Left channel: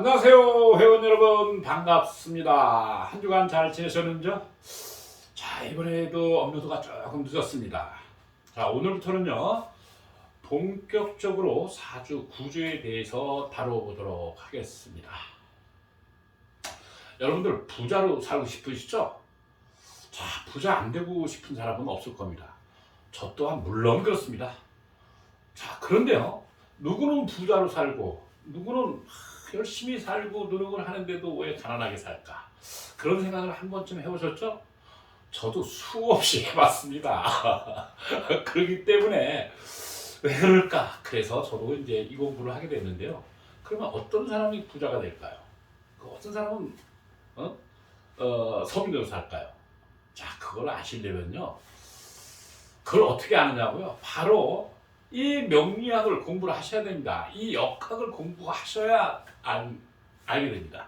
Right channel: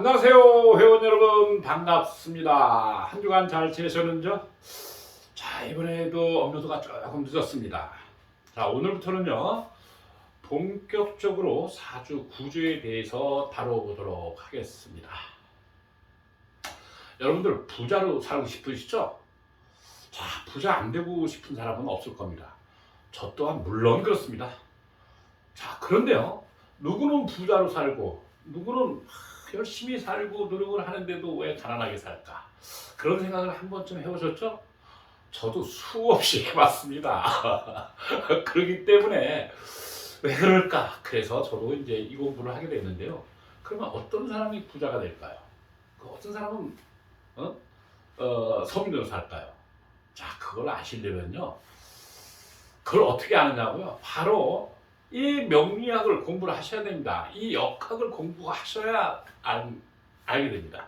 안녕하세요, 회원 여러분. 반갑습니다. 한 주간 잘 지내셨는지요? 자, 이번에도 업로드가 조금 늦었습니다. 자, 오늘부터는요, 본격적으로 사주 구조에 대해서 다뤄보도록 하겠습니다. 여러분들 부자로 살고 싶으시죠? 자, 부자 안 되고 싶은 사람은 없을 겁니다. 저 또한 물론 그렇습니다. 자, 그런데요, 누구는 부자로 살고 누구는 열심히 살고 노력을 하는데도 왜 가난하게 살까? 그런 생각을 한 번쯤 해보셨죠? 저도 수없이 해봤습니다. 그렇기 때문에 왜 그럴까? 그래서 저도 이제 이 공부를 하게 됐는데요. 그러면 어떤 사람이 부자가 될까요? 어떤 사람은 서민으로 살까요? 자, 그걸 아시려면요. 그걸 어떻게 아느냐고요? 바로 이 명리학을 공부를 하셔야 됩니다. 이 역학을 공부하셔야 알게 됩니다.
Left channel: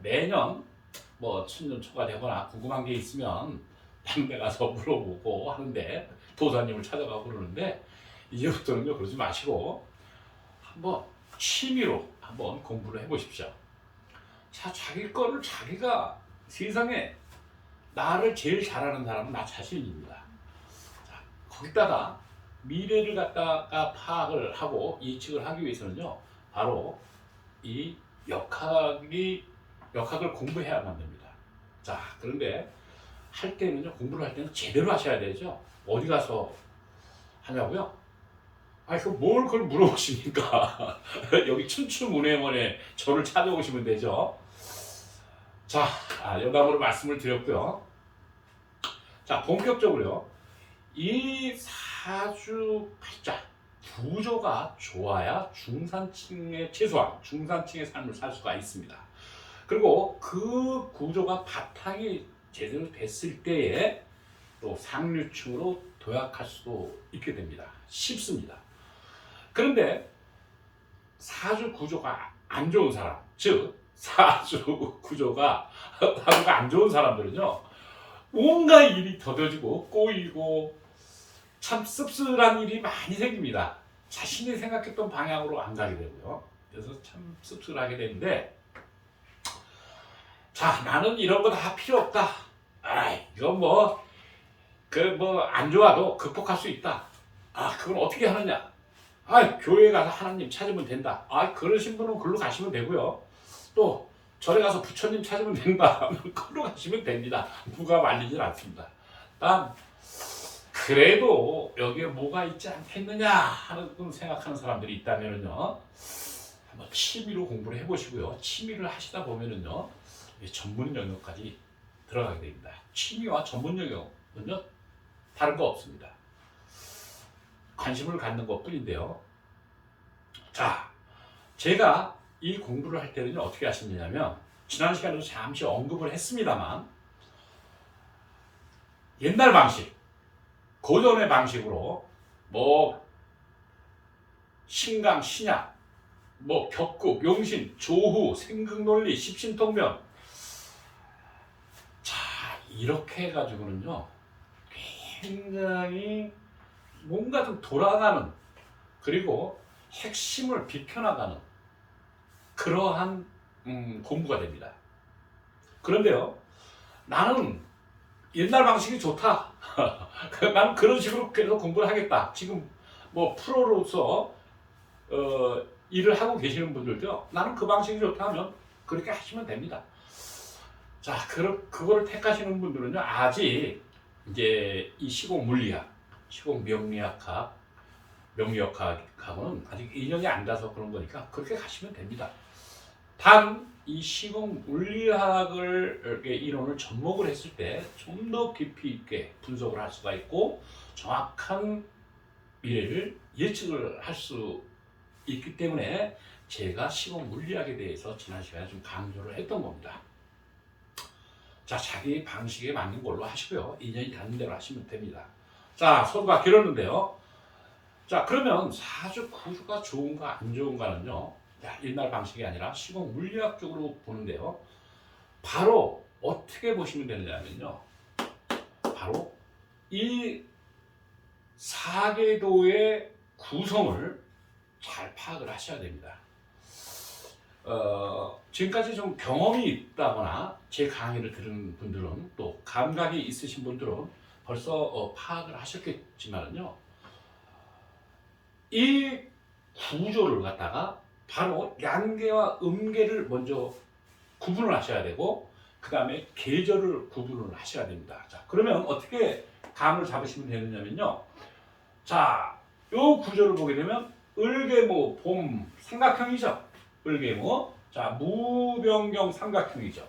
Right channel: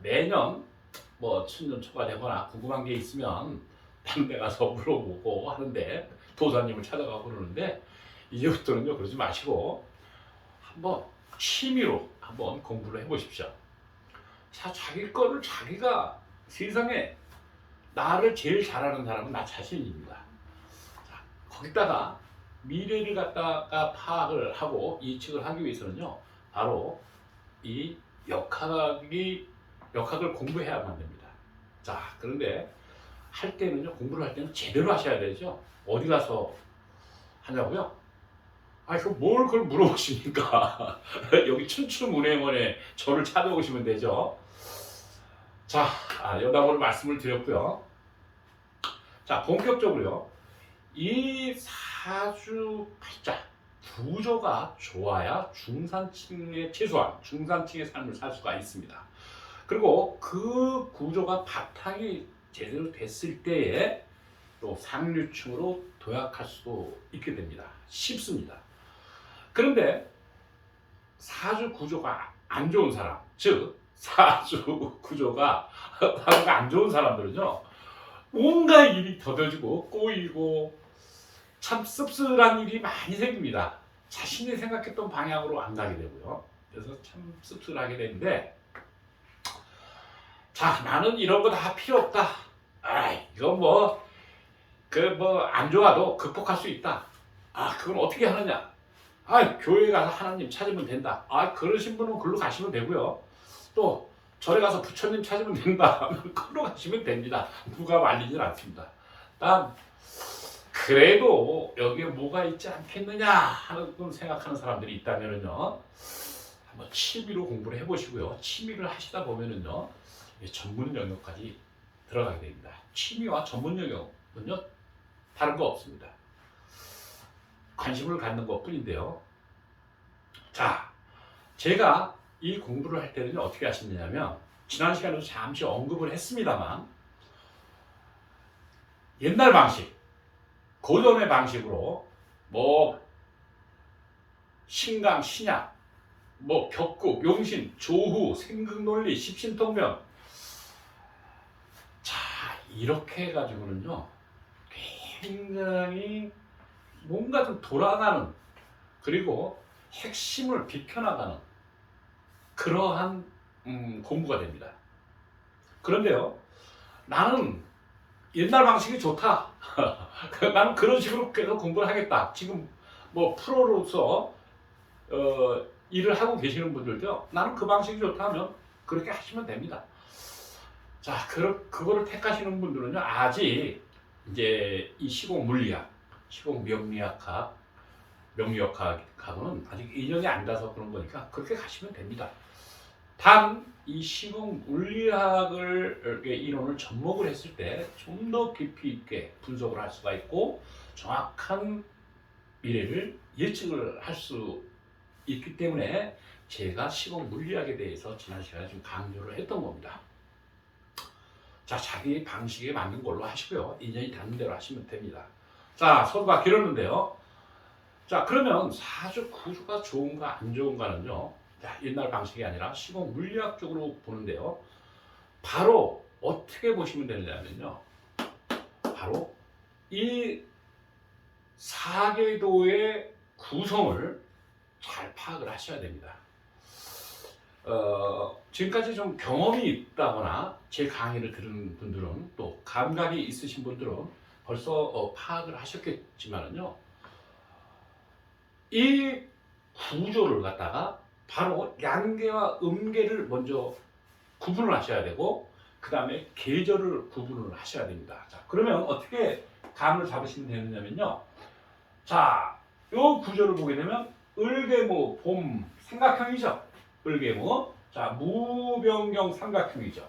매년 뭐 춘년초가 되거나 궁금한 게 있으면 다른 데 가서 물어보고 하는데, 도사님을 찾아가고 그러는데, 이제부터는요 그러지 마시고 한번 취미로 한번 공부를 해보십시오. 자, 자기 거를 자기가, 세상에 나를 제일 잘하는 사람은 나 자신입니다. 자, 거기다가 미래를 갖다가 파악을 하고 예측을 하기 위해서는요, 바로 이 역학을 공부해야만 됩니다. 자, 그런데 할 때는요, 공부를 할 때는 제대로 하셔야 되죠. 어디 가서 하냐고요? 뭘 그걸 물어보십니까? 여기 춘추문예원에 저를 찾아오시면 되죠. 자, 여담으로 말씀을 드렸고요. 자, 본격적으로요. 이 사주 팔자 구조가 좋아야 최소한 중산층의 삶을 살 수가 있습니다. 그리고 그 구조가 바탕이 제대로 됐을 때에 또 상류층으로 도약할 수도 있게 됩니다. 쉽습니다. 그런데 사주 구조가 안 좋은 사람, 즉 사주 구조가 안 좋은 사람들은요, 뭔가 일이 더뎌지고 꼬이고 참 씁쓸한 일이 많이 생깁니다. 자신이 생각했던 방향으로 안 가게 되고요. 그래서 참 씁쓸하게 되는데, 자, 나는 이런 거 다 필요 없다. 이거 안 좋아도 극복할 수 있다. 그건 어떻게 하느냐? 교회 가서 하나님 찾으면 된다. 그러신 분은 글로 가시면 되고요. 또 절에 가서 부처님 찾으면 된다. 글로 가시면 됩니다. 누가 말리질 않습니다. 단 그래도 여기에 뭐가 있지 않겠느냐 하는 생각하는 사람들이 있다면요, 한번 취미로 공부를 해보시고요. 취미를 하시다 보면은요, 전문 영역까지 들어가게 됩니다. 취미와 전문 영역은요, 다른 거 없습니다. 관심을 갖는 것 뿐인데요. 자, 제가 이 공부를 할 때는 어떻게 하시느냐면, 지난 시간에도 잠시 언급을 했습니다만, 옛날 방식, 고전의 방식으로 신강, 신약, 격국, 용신, 조후, 생극논리, 십신통면, 자, 이렇게 해가지고는요, 굉장히 뭔가 좀 돌아가는, 그리고 핵심을 비켜나가는 그러한 공부가 됩니다. 그런데요, 나는 옛날 방식이 좋다. 나는 그런 식으로 계속 공부를 하겠다. 지금 프로로서 일을 하고 계시는 분들도요, 나는 그 방식이 좋다 하면 그렇게 하시면 됩니다. 자, 그거를 택하시는 분들은요, 아직 이제 이 시공 물리학, 시공 명리학하고는 아직 인연이 안 닿아서 그런 거니까 그렇게 가시면 됩니다. 단 이 시공 물리학을 이론을 접목을 했을 때 좀 더 깊이 있게 분석을 할 수가 있고, 정확한 미래를 예측을 할 수 있기 때문에 제가 시공 물리학에 대해서 지난 시간에 좀 강조를 했던 겁니다. 자, 자기 방식에 맞는 걸로 하시고요. 인연이 닿는 대로 하시면 됩니다. 자, 서두가 길었는데요. 자, 그러면 사주 구조가 좋은가 안 좋은가는요, 옛날 방식이 아니라 시공 물리학적으로 보는데요, 바로 어떻게 보시면 되느냐면요, 바로 이 사계도의 구성을 잘 파악을 하셔야 됩니다. 지금까지 좀 경험이 있다거나 제 강의를 들은 분들은 또 감각이 있으신 분들은 벌써 파악을 하셨겠지만은요. 이 구조를 갖다가 바로 양계와 음계를 먼저 구분을 하셔야 되고 그 다음에 계절을 구분을 하셔야 됩니다. 자, 그러면 어떻게 감을 잡으시면 되느냐면요. 자, 요 구조를 보게 되면 을계모 봄 삼각형이죠. 을계모. 자, 무병경 삼각형이죠.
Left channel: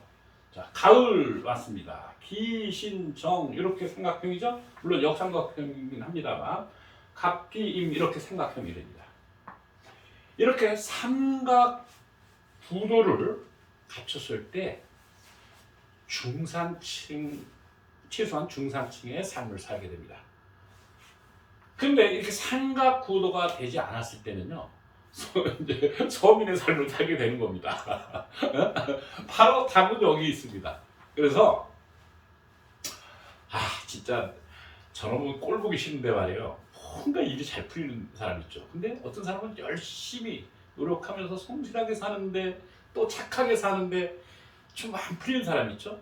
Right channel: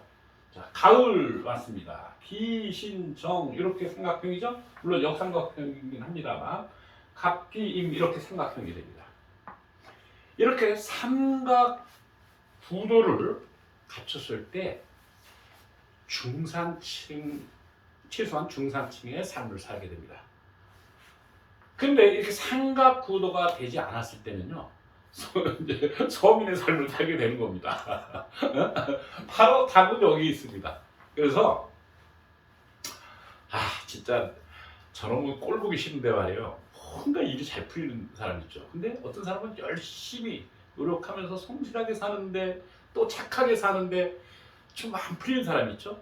자, 가을 왔습니다. 기신정 이렇게 삼각형이죠. 물론 역삼각형이긴 합니다만 갑기임 이렇게 삼각형이 됩니다. 이렇게 삼각 구도를 갖췄을 때 중산층, 최소한 중산층의 삶을 살게 됩니다. 근데 이렇게 삼각 구도가 되지 않았을 때는요, 이제 서민의 삶을 살게 되는 겁니다. 바로 답은 여기 있습니다. 그래서 진짜 저놈은 꼴 보기 싫은데 말이에요. 뭔가 일이 잘 풀리는 사람 있죠. 근데 어떤 사람은 열심히 노력하면서 성실하게 사는데 또 착하게 사는데 좀 안 풀리는 사람 있죠.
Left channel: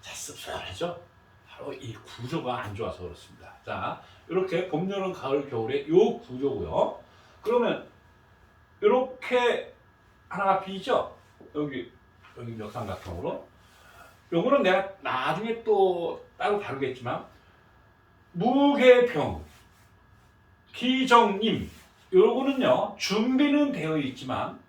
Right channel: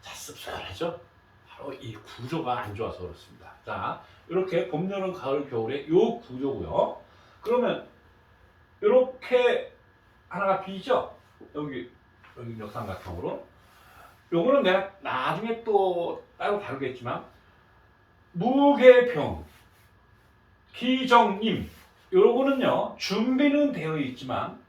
자, 씁쓸하죠. 바로 이 구조가 안 좋아서 그렇습니다. 자, 이렇게 봄, 여름, 가을, 겨울의 요 구조고요. 그러면 이렇게 하나가 비죠. 여기 역삼각형으로. 요거는 내가 나중에 또 따로 다루겠지만 무계병, 기정임 요거는요 준비는 되어 있지만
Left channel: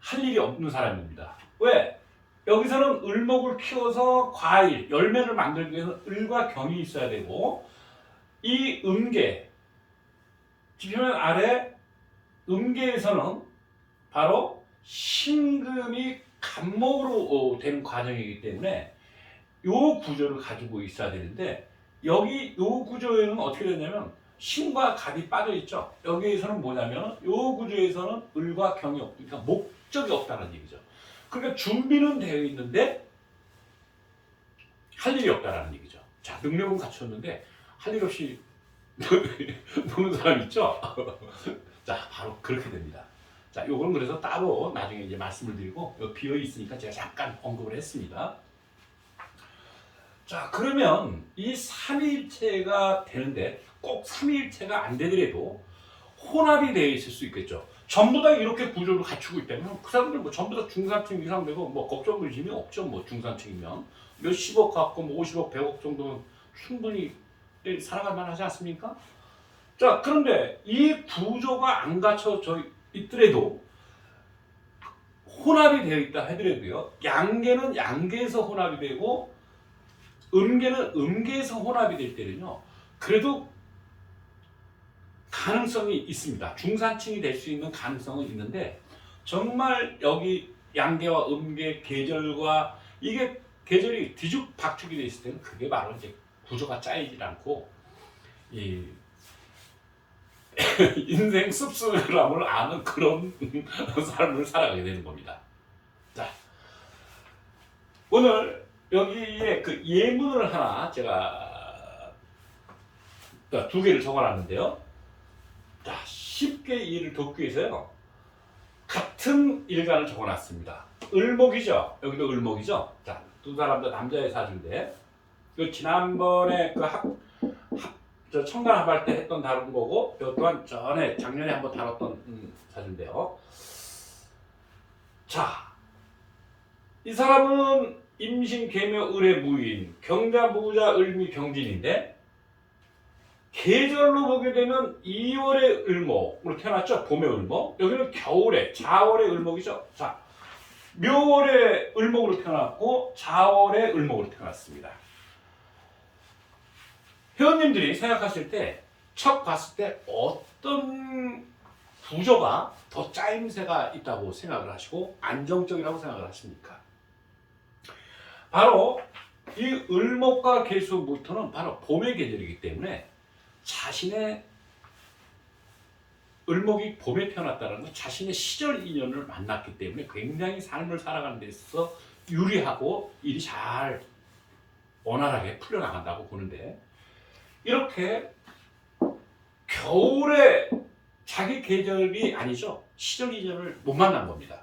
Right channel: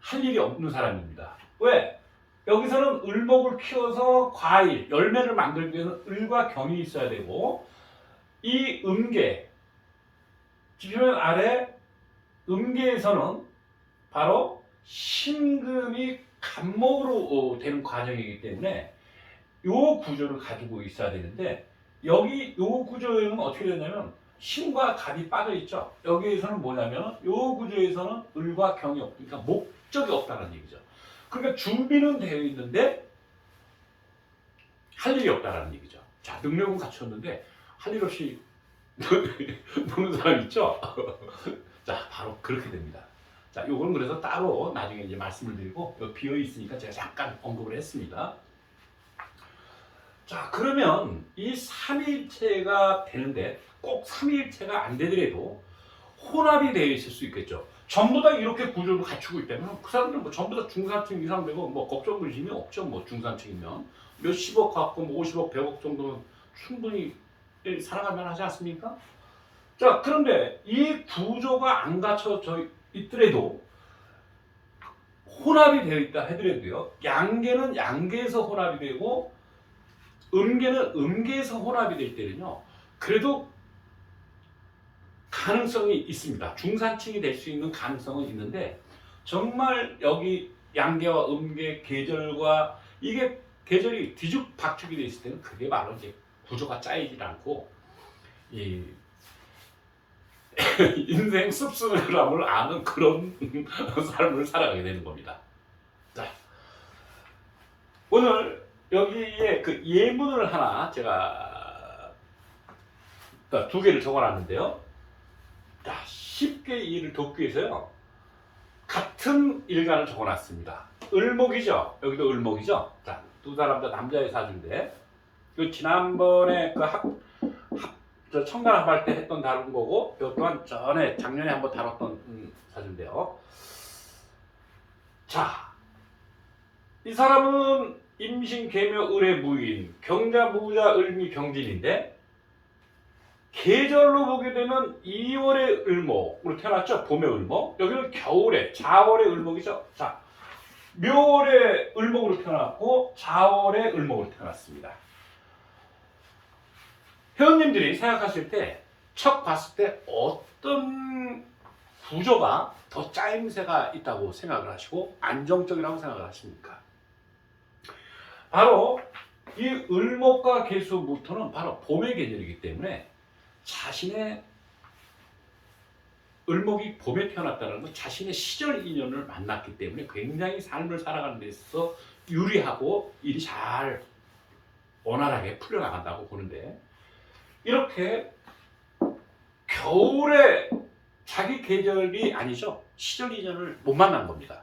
할 일이 없는 사람입니다. 왜? 여기서는 을목을 키워서 과일, 열매를 만들기 위해서는 을과 경이 있어야 되고 이 음계, 지표면 아래 음계에서는 바로 신금이 간목으로 되는 과정이기 때문에 요 구조를 가지고 있어야 되는데 여기 요 구조에는 어떻게 되냐면 신과 갑이 빠져 있죠. 여기에서는 뭐냐면 요 구조에서는 을과 경이 없으니까 목적이 없다는 얘기죠. 그러니까 준비는 되어 있는데 할 일이 없다라는 얘기죠. 자, 능력은 갖췄는데 할 일 없이 노는 사람 있죠. 자, 바로 그렇게 됩니다. 자, 요거는 그래서 따로 나중에 이제 말씀을 드리고 비어 있으니까 제가 잠깐 언급을 했습니다. 자, 그러면 이 삼위일체가 되는데 꼭 삼위일체가 안 되더라도 혼합이 되어 있을 수 있겠죠. 전부 다 이렇게 구조를 갖추고 있다면 그 사람들은 뭐 전부 다 중산층 이상 되고 뭐 걱정 의심이 없죠. 뭐 중산층이면 몇십억 갖고 뭐 50억, 100억 정도는 충분히 살아갈 만하지 않습니까? 자, 그런데 이 구조가 안 갖춰져 있더라도 혼합이 되어 있다 하더라도요. 양계는 양계에서 혼합이 되고 음계는 음계에서 혼합이 될 때는요. 그래도 가능성이 있습니다. 중산층이 될 수 있는 가능성은 있는데 정말 여기 양계와 음계 계절과 이게 계절이 뒤죽박죽이 돼 있을 때는 그게 바로 이제 구조가 짜이질 않고 이 인생 씁쓸함을 아는 그런 삶을 살아가게 되는 겁니다. 자, 오늘 여기에 그 예문을 하나 제가 두 개를 적어놨는데요. 자, 쉽게 이해를 돕기 위해서요. 같은 일간을 적어놨습니다. 을목이죠. 여기도 을목이죠. 자, 두 사람 다 남자의 사주인데 그 지난번에 저 청간 합할 때 했던 다른 거고 이 또한 전에 작년에 한번 다뤘던 사주인데요. 자, 이 사람은 임신, 계묘, 을의 무인, 경자, 무자, 을미, 경진인데 계절로 보게 되면 2월의 을목으로 태어났죠. 봄의 을목. 여기는 겨울에 자월의 을목이죠. 자, 묘월의 을목으로 태어났고 자월의 을목으로 태어났습니다. 회원님들이 생각하실 때 척 봤을 때 어떤 구조가 더 짜임새가 있다고 생각을 하시고 안정적이라고 생각을 하십니까? 바로 이 을목과 계수부터는 바로 봄의 계절이기 때문에 자신의 을목이 봄에 태어났다는 건 자신의 시절 인연을 만났기 때문에 굉장히 삶을 살아가는 데 있어서 유리하고 일이 잘 원활하게 풀려나간다고 보는데 이렇게 겨울에 자기 계절이 아니죠. 시절 인연을 못 만난 겁니다.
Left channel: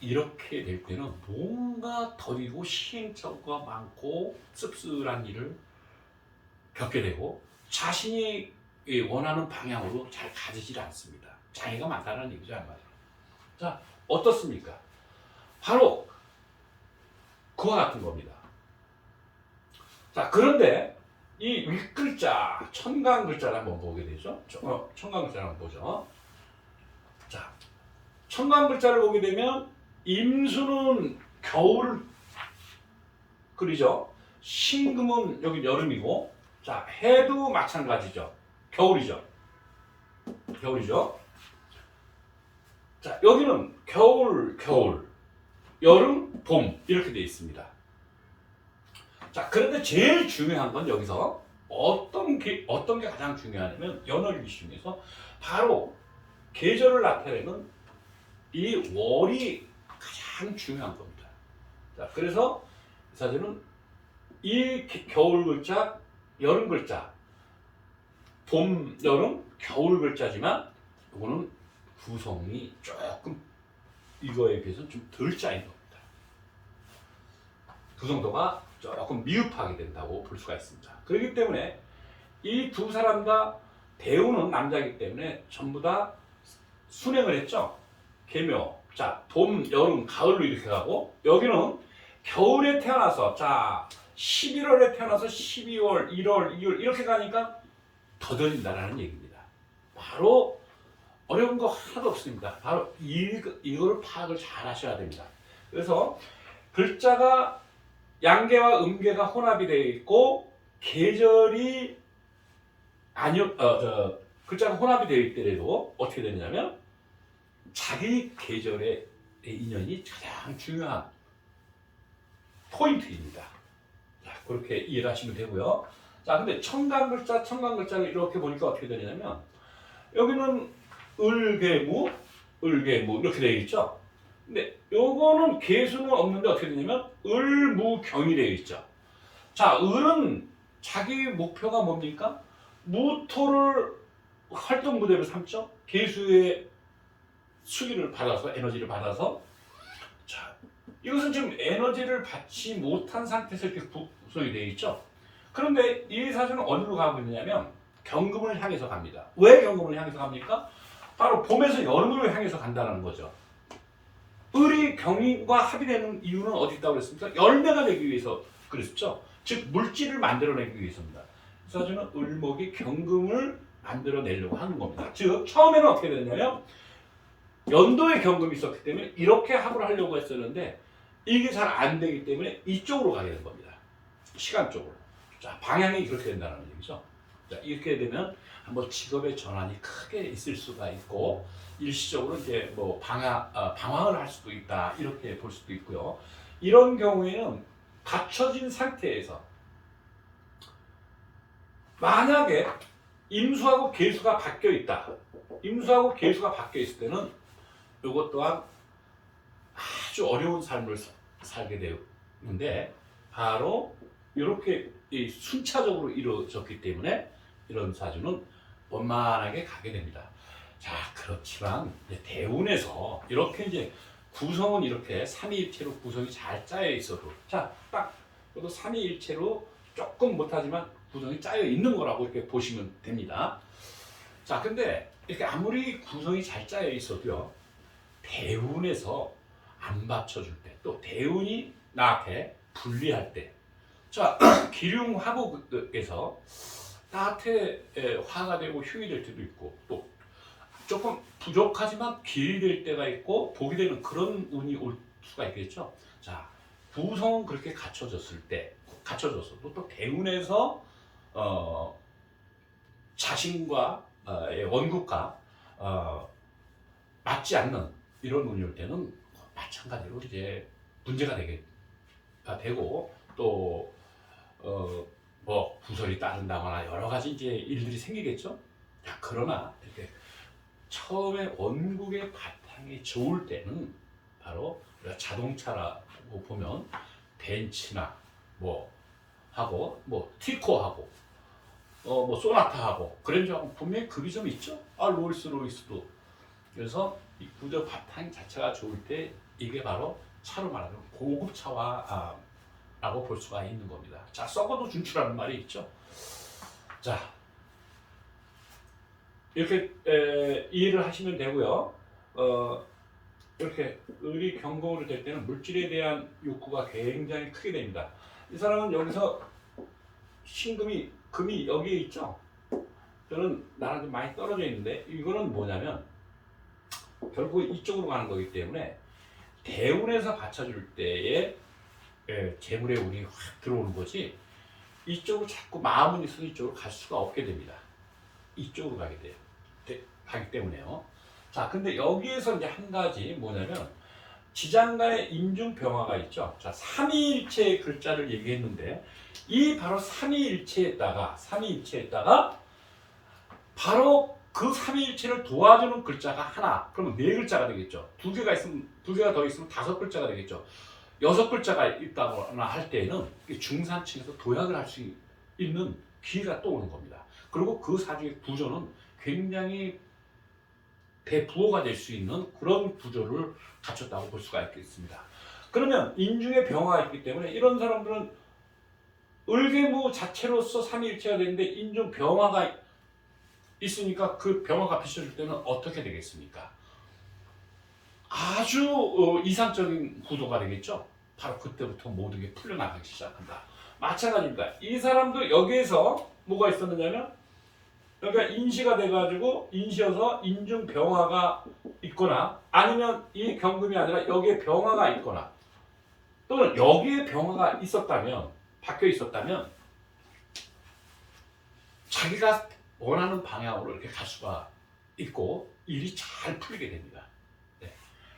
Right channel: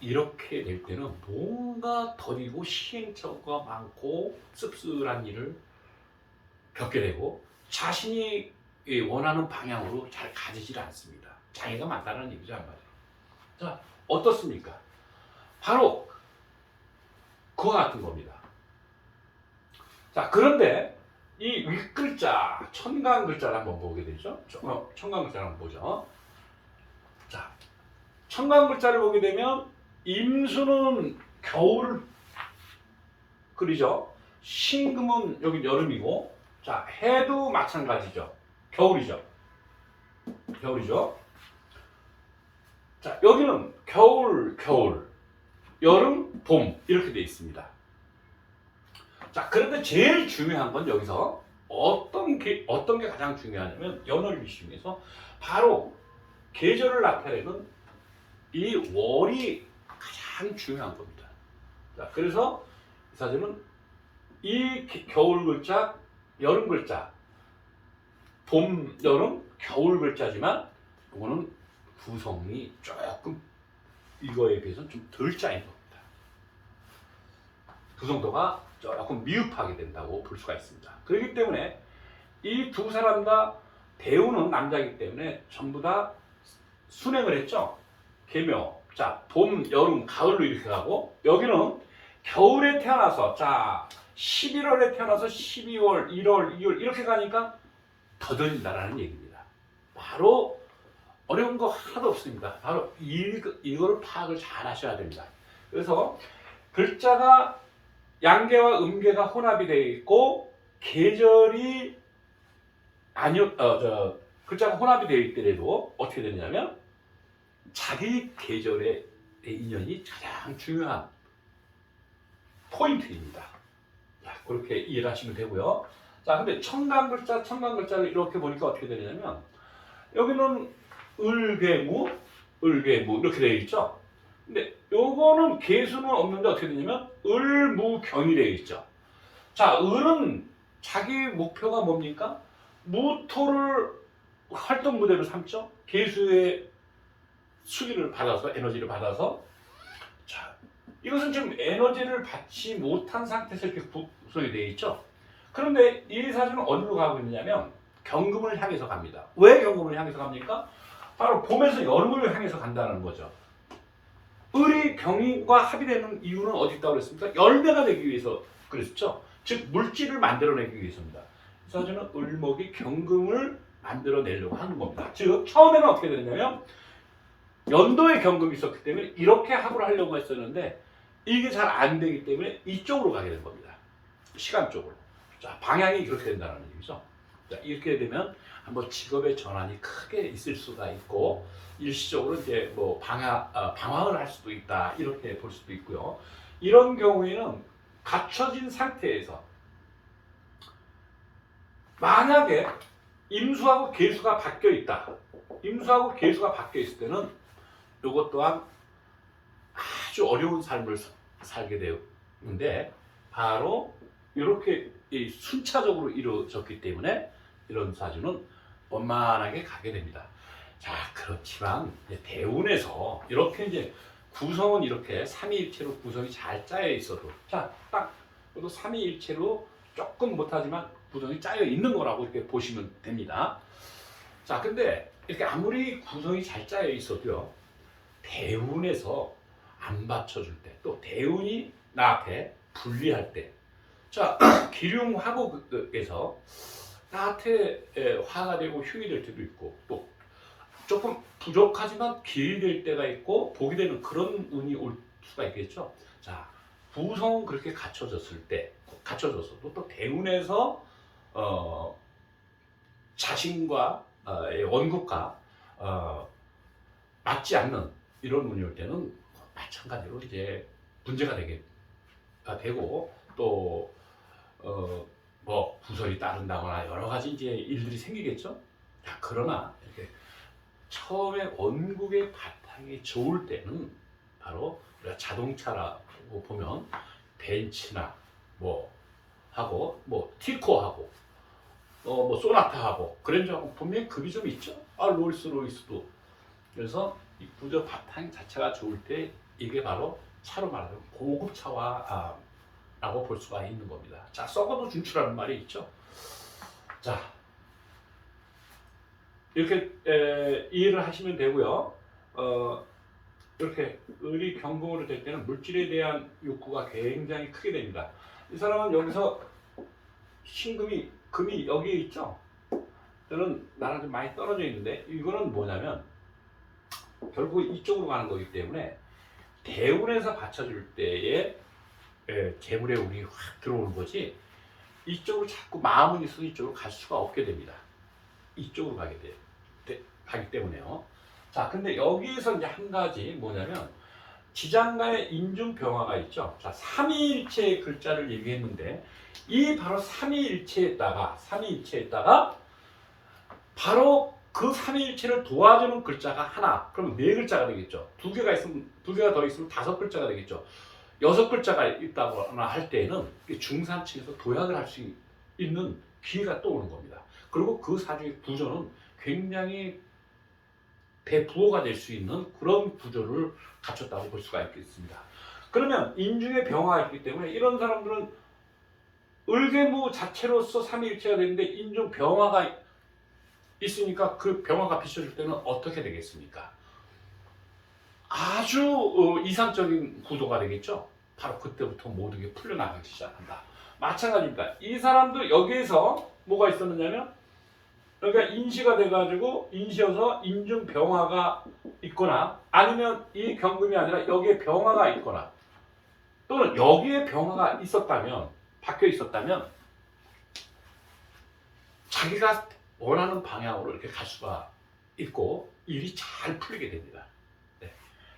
이렇게 될 때는 뭔가 더디고 시행착오가 많고 씁쓸한 일을 겪게 되고 자신이 원하는 방향으로 잘 가지질 않습니다. 장애가 많다는 얘기죠, 한마디로. 자, 어떻습니까? 바로 그와 같은 겁니다. 자, 그런데 이 윗글자, 천간글자를 한번 보게 되죠. 천간글자를 한번 보죠. 자, 천간글자를 보게 되면 임수는 겨울을 그리죠. 신금은 여기 여름이고, 자, 해도 마찬가지죠. 겨울이죠. 겨울이죠. 자, 여기는 겨울, 여름, 봄 이렇게 되어 있습니다. 자, 그런데 제일 중요한 건 여기서 어떤 게 가장 중요하냐면 연월일기 중에서 바로 계절을 나타내는 이 월이 가장 중요한 겁니다. 자, 그래서 이 사진은 이 겨울 글자, 여름 글자, 봄, 여름, 겨울 글자지만 이거는 구성이 조금 이거에 비해서는 좀 덜 짜인 겁니다. 구성도가 조금 미흡하게 된다고 볼 수가 있습니다. 그렇기 때문에 이 두 사람 다 대우는 남자이기 때문에 전부 다 순행을 했죠. 계묘. 자, 봄, 여름, 가을로 이렇게 가고 여기는 겨울에 태어나서 자 11월에 태어나서 12월, 1월, 2월 이렇게 가니까 더뎌진다는 얘기입니다. 바로 어려운 거 하나도 없습니다. 바로 이걸 파악을 잘 하셔야 됩니다. 그래서 글자가 양계와 음계가 혼합이 되어 있고 계절이 글자가 혼합이 되어 있더라도 어떻게 되냐면 자기 계절의 인연이 가장 중요한 포인트입니다. 자, 그렇게 이해를 하시면 되고요. 자, 근데 천간글자를 이렇게 보니까 어떻게 되냐면 여기는 을계무 이렇게 되어 있죠. 근데 요거는 계수는 없는데 어떻게 되냐면 을무경이 되어 있죠. 자, 을은 자기 목표가 뭡니까? 무토를 활동 무대로 삼죠. 계수의 수기를 받아서 에너지를 받아서 자, 이것은 지금 에너지를 받지 못한 상태에서 이렇게 구성이 되어 있죠. 그런데 이 사주는 어디로 가고 있느냐면 경금을 향해서 갑니다. 왜 경금을 향해서 갑니까? 바로 봄에서 여름을 향해서 간다는 거죠. 을이 경인과 합의되는 이유는 어디 있다고 그랬습니까? 열매가 되기 위해서 그랬죠. 즉 물질을 만들어내기 위해서입니다. 이 사주는 을목이 경금을 만들어내려고 하는 겁니다. 즉 처음에는 어떻게 되냐면 연도에 경금이 있었기 때문에 이렇게 합을 하려고 했었는데 이게 잘 안 되기 때문에 이쪽으로 가게 된 겁니다. 시간 쪽으로. 자, 방향이 그렇게 된다는 얘기죠. 자, 이렇게 되면 한번 직업의 전환이 크게 있을 수가 있고 일시적으로 이제 뭐 방황을 할 수도 있다 이렇게 볼 수도 있고요. 이런 경우에는 갖춰진 상태에서 만약에 임수하고 계수가 바뀌어 있다. 임수하고 계수가 바뀌어 있을 때는 이것 또한 아주 어려운 삶을 살게 되는데 바로 이렇게 순차적으로 이루어졌기 때문에 이런 사주는 원만하게 가게 됩니다. 자, 그렇지만 대운에서 이렇게 이제 구성은 이렇게 삼위일체로 구성이 잘 짜여 있어도 자, 딱 그래도 삼위일체로 조금 못하지만 구성이 짜여 있는 거라고 이렇게 보시면 됩니다. 자, 근데 이렇게 아무리 구성이 잘 짜여 있어도요, 대운에서 안 받쳐줄 때, 또 대운이 나한테 불리할 때, 자, 기륭화복에서 나한테 화가 되고 휴이 될 때도 있고, 또 조금 부족하지만 길이 될 때가 있고, 복이 되는 그런 운이 올 수가 있겠죠. 자, 구성은 그렇게 갖춰졌을 때, 갖춰졌어도 또 대운에서 자신과 원국과 맞지 않는 이런 운이 올 때는 마찬가지로 이제 문제가 되고 또 뭐 구설이 따른다거나 여러 가지 이제 일들이 생기겠죠. 자, 그러나 이렇게 처음에 원국의 바탕이 좋을 때는 바로 우리가 자동차라고 보면 벤츠나 뭐 하고 뭐 티코하고 뭐 소나타하고 그랜저하고 분명히 급이 좀 있죠. 롤스로이스도. 그래서 이 구조 바탕 자체가 좋을 때 이게 바로 차로 말하자면 고급 차와라고 볼 수가 있는 겁니다. 자, 썩어도 준추라는 말이 있죠. 자, 이렇게 이해를 하시면 되고요. 이렇게 을이 경공으로 될 때는 물질에 대한 욕구가 굉장히 크게 됩니다. 이 사람은 여기서 금이 여기에 있죠. 저는 나랑 좀 많이 떨어져 있는데 이거는 뭐냐면 결국 이쪽으로 가는 거기 때문에 대운에서 받쳐줄 때에 재물의 운이 확 들어오는 거지 이쪽으로 자꾸 마음은 있어도 이쪽으로 갈 수가 없게 됩니다. 이쪽으로 가기 때문에요. 자, 근데 여기에서 이제 한 가지 뭐냐면 지장간의 인중병화가 있죠. 자, 삼위일체의 글자를 얘기했는데 이 바로 삼위일체에다가 바로 그 삼위일체를 도와주는 글자가 하나, 그러면 네 글자가 되겠죠. 두 개가 더 있으면 다섯 글자가 되겠죠. 여섯 글자가 있다거나 할 때에는 중산층에서 도약을 할 수 있는 기회가 또 오는 겁니다. 그리고 그 사주의 구조는 굉장히 대부호가 될 수 있는 그런 구조를 갖췄다고 볼 수가 있겠습니다. 그러면 인중에 병화가 있기 때문에 이런 사람들은 을괴무 자체로서 삼위일체가 되는데 인중 병화가 있으니까 그 병화가 비춰줄 때는 어떻게 되겠습니까? 아주 이상적인 구도가 되겠죠. 바로 그때부터 모든 게 풀려나가기 시작한다. 마찬가지입니다. 이 사람도 여기에서 뭐가 있었느냐면 그러니까 인시가 돼가지고 인시여서 인중 병화가 있거나 아니면 이 경금이 아니라 여기에 병화가 있거나 또는 여기에 병화가 있었다면 박혀 있었다면 자기가 원하는 방향으로 이렇게 갈 수가 있고 일이 잘 풀리게 됩니다. 네.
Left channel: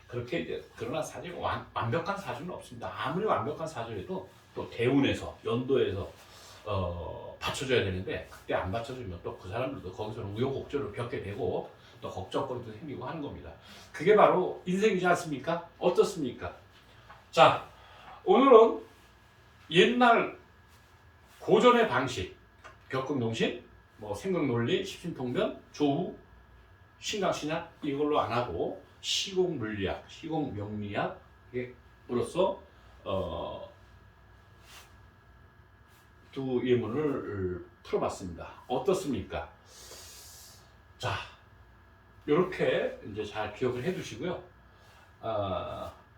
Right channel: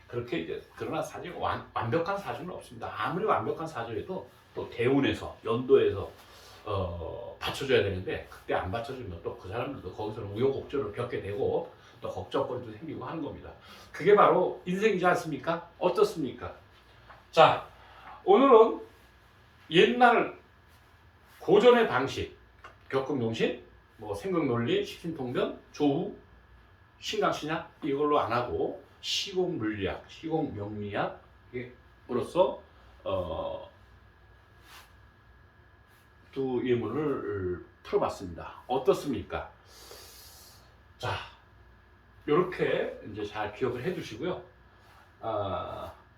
그렇게 이제 그러나 사실 완벽한 사주는 없습니다. 아무리 완벽한 사주에도 또 대운에서 연도에서 받쳐줘야 되는데 그때 안 받쳐주면 또 그 사람들도 거기서는 우여곡절을 겪게 되고 또 걱정거리도 생기고 하는 겁니다. 그게 바로 인생이지 않습니까? 어떻습니까? 자, 오늘은 옛날 고전의 방식, 격금용신, 뭐 생각논리, 십신통변, 조후, 신강신약 이걸로 안 하고 시공물리학, 시공명리학으로서 두 예문을 풀어봤습니다. 어떻습니까? 자, 이렇게 이제 잘 기억을 해두시고요.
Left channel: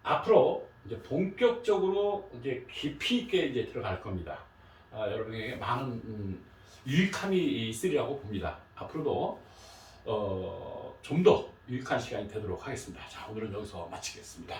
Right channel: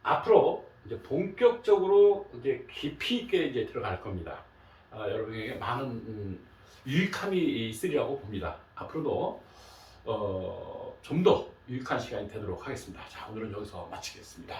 앞으로 이제 본격적으로 이제 깊이 있게 이제 들어갈 겁니다. 여러분에게 많은 유익함이 있으리라고 봅니다. 앞으로도 좀 더 유익한 시간이 되도록 하겠습니다. 자, 오늘은 여기서 마치겠습니다.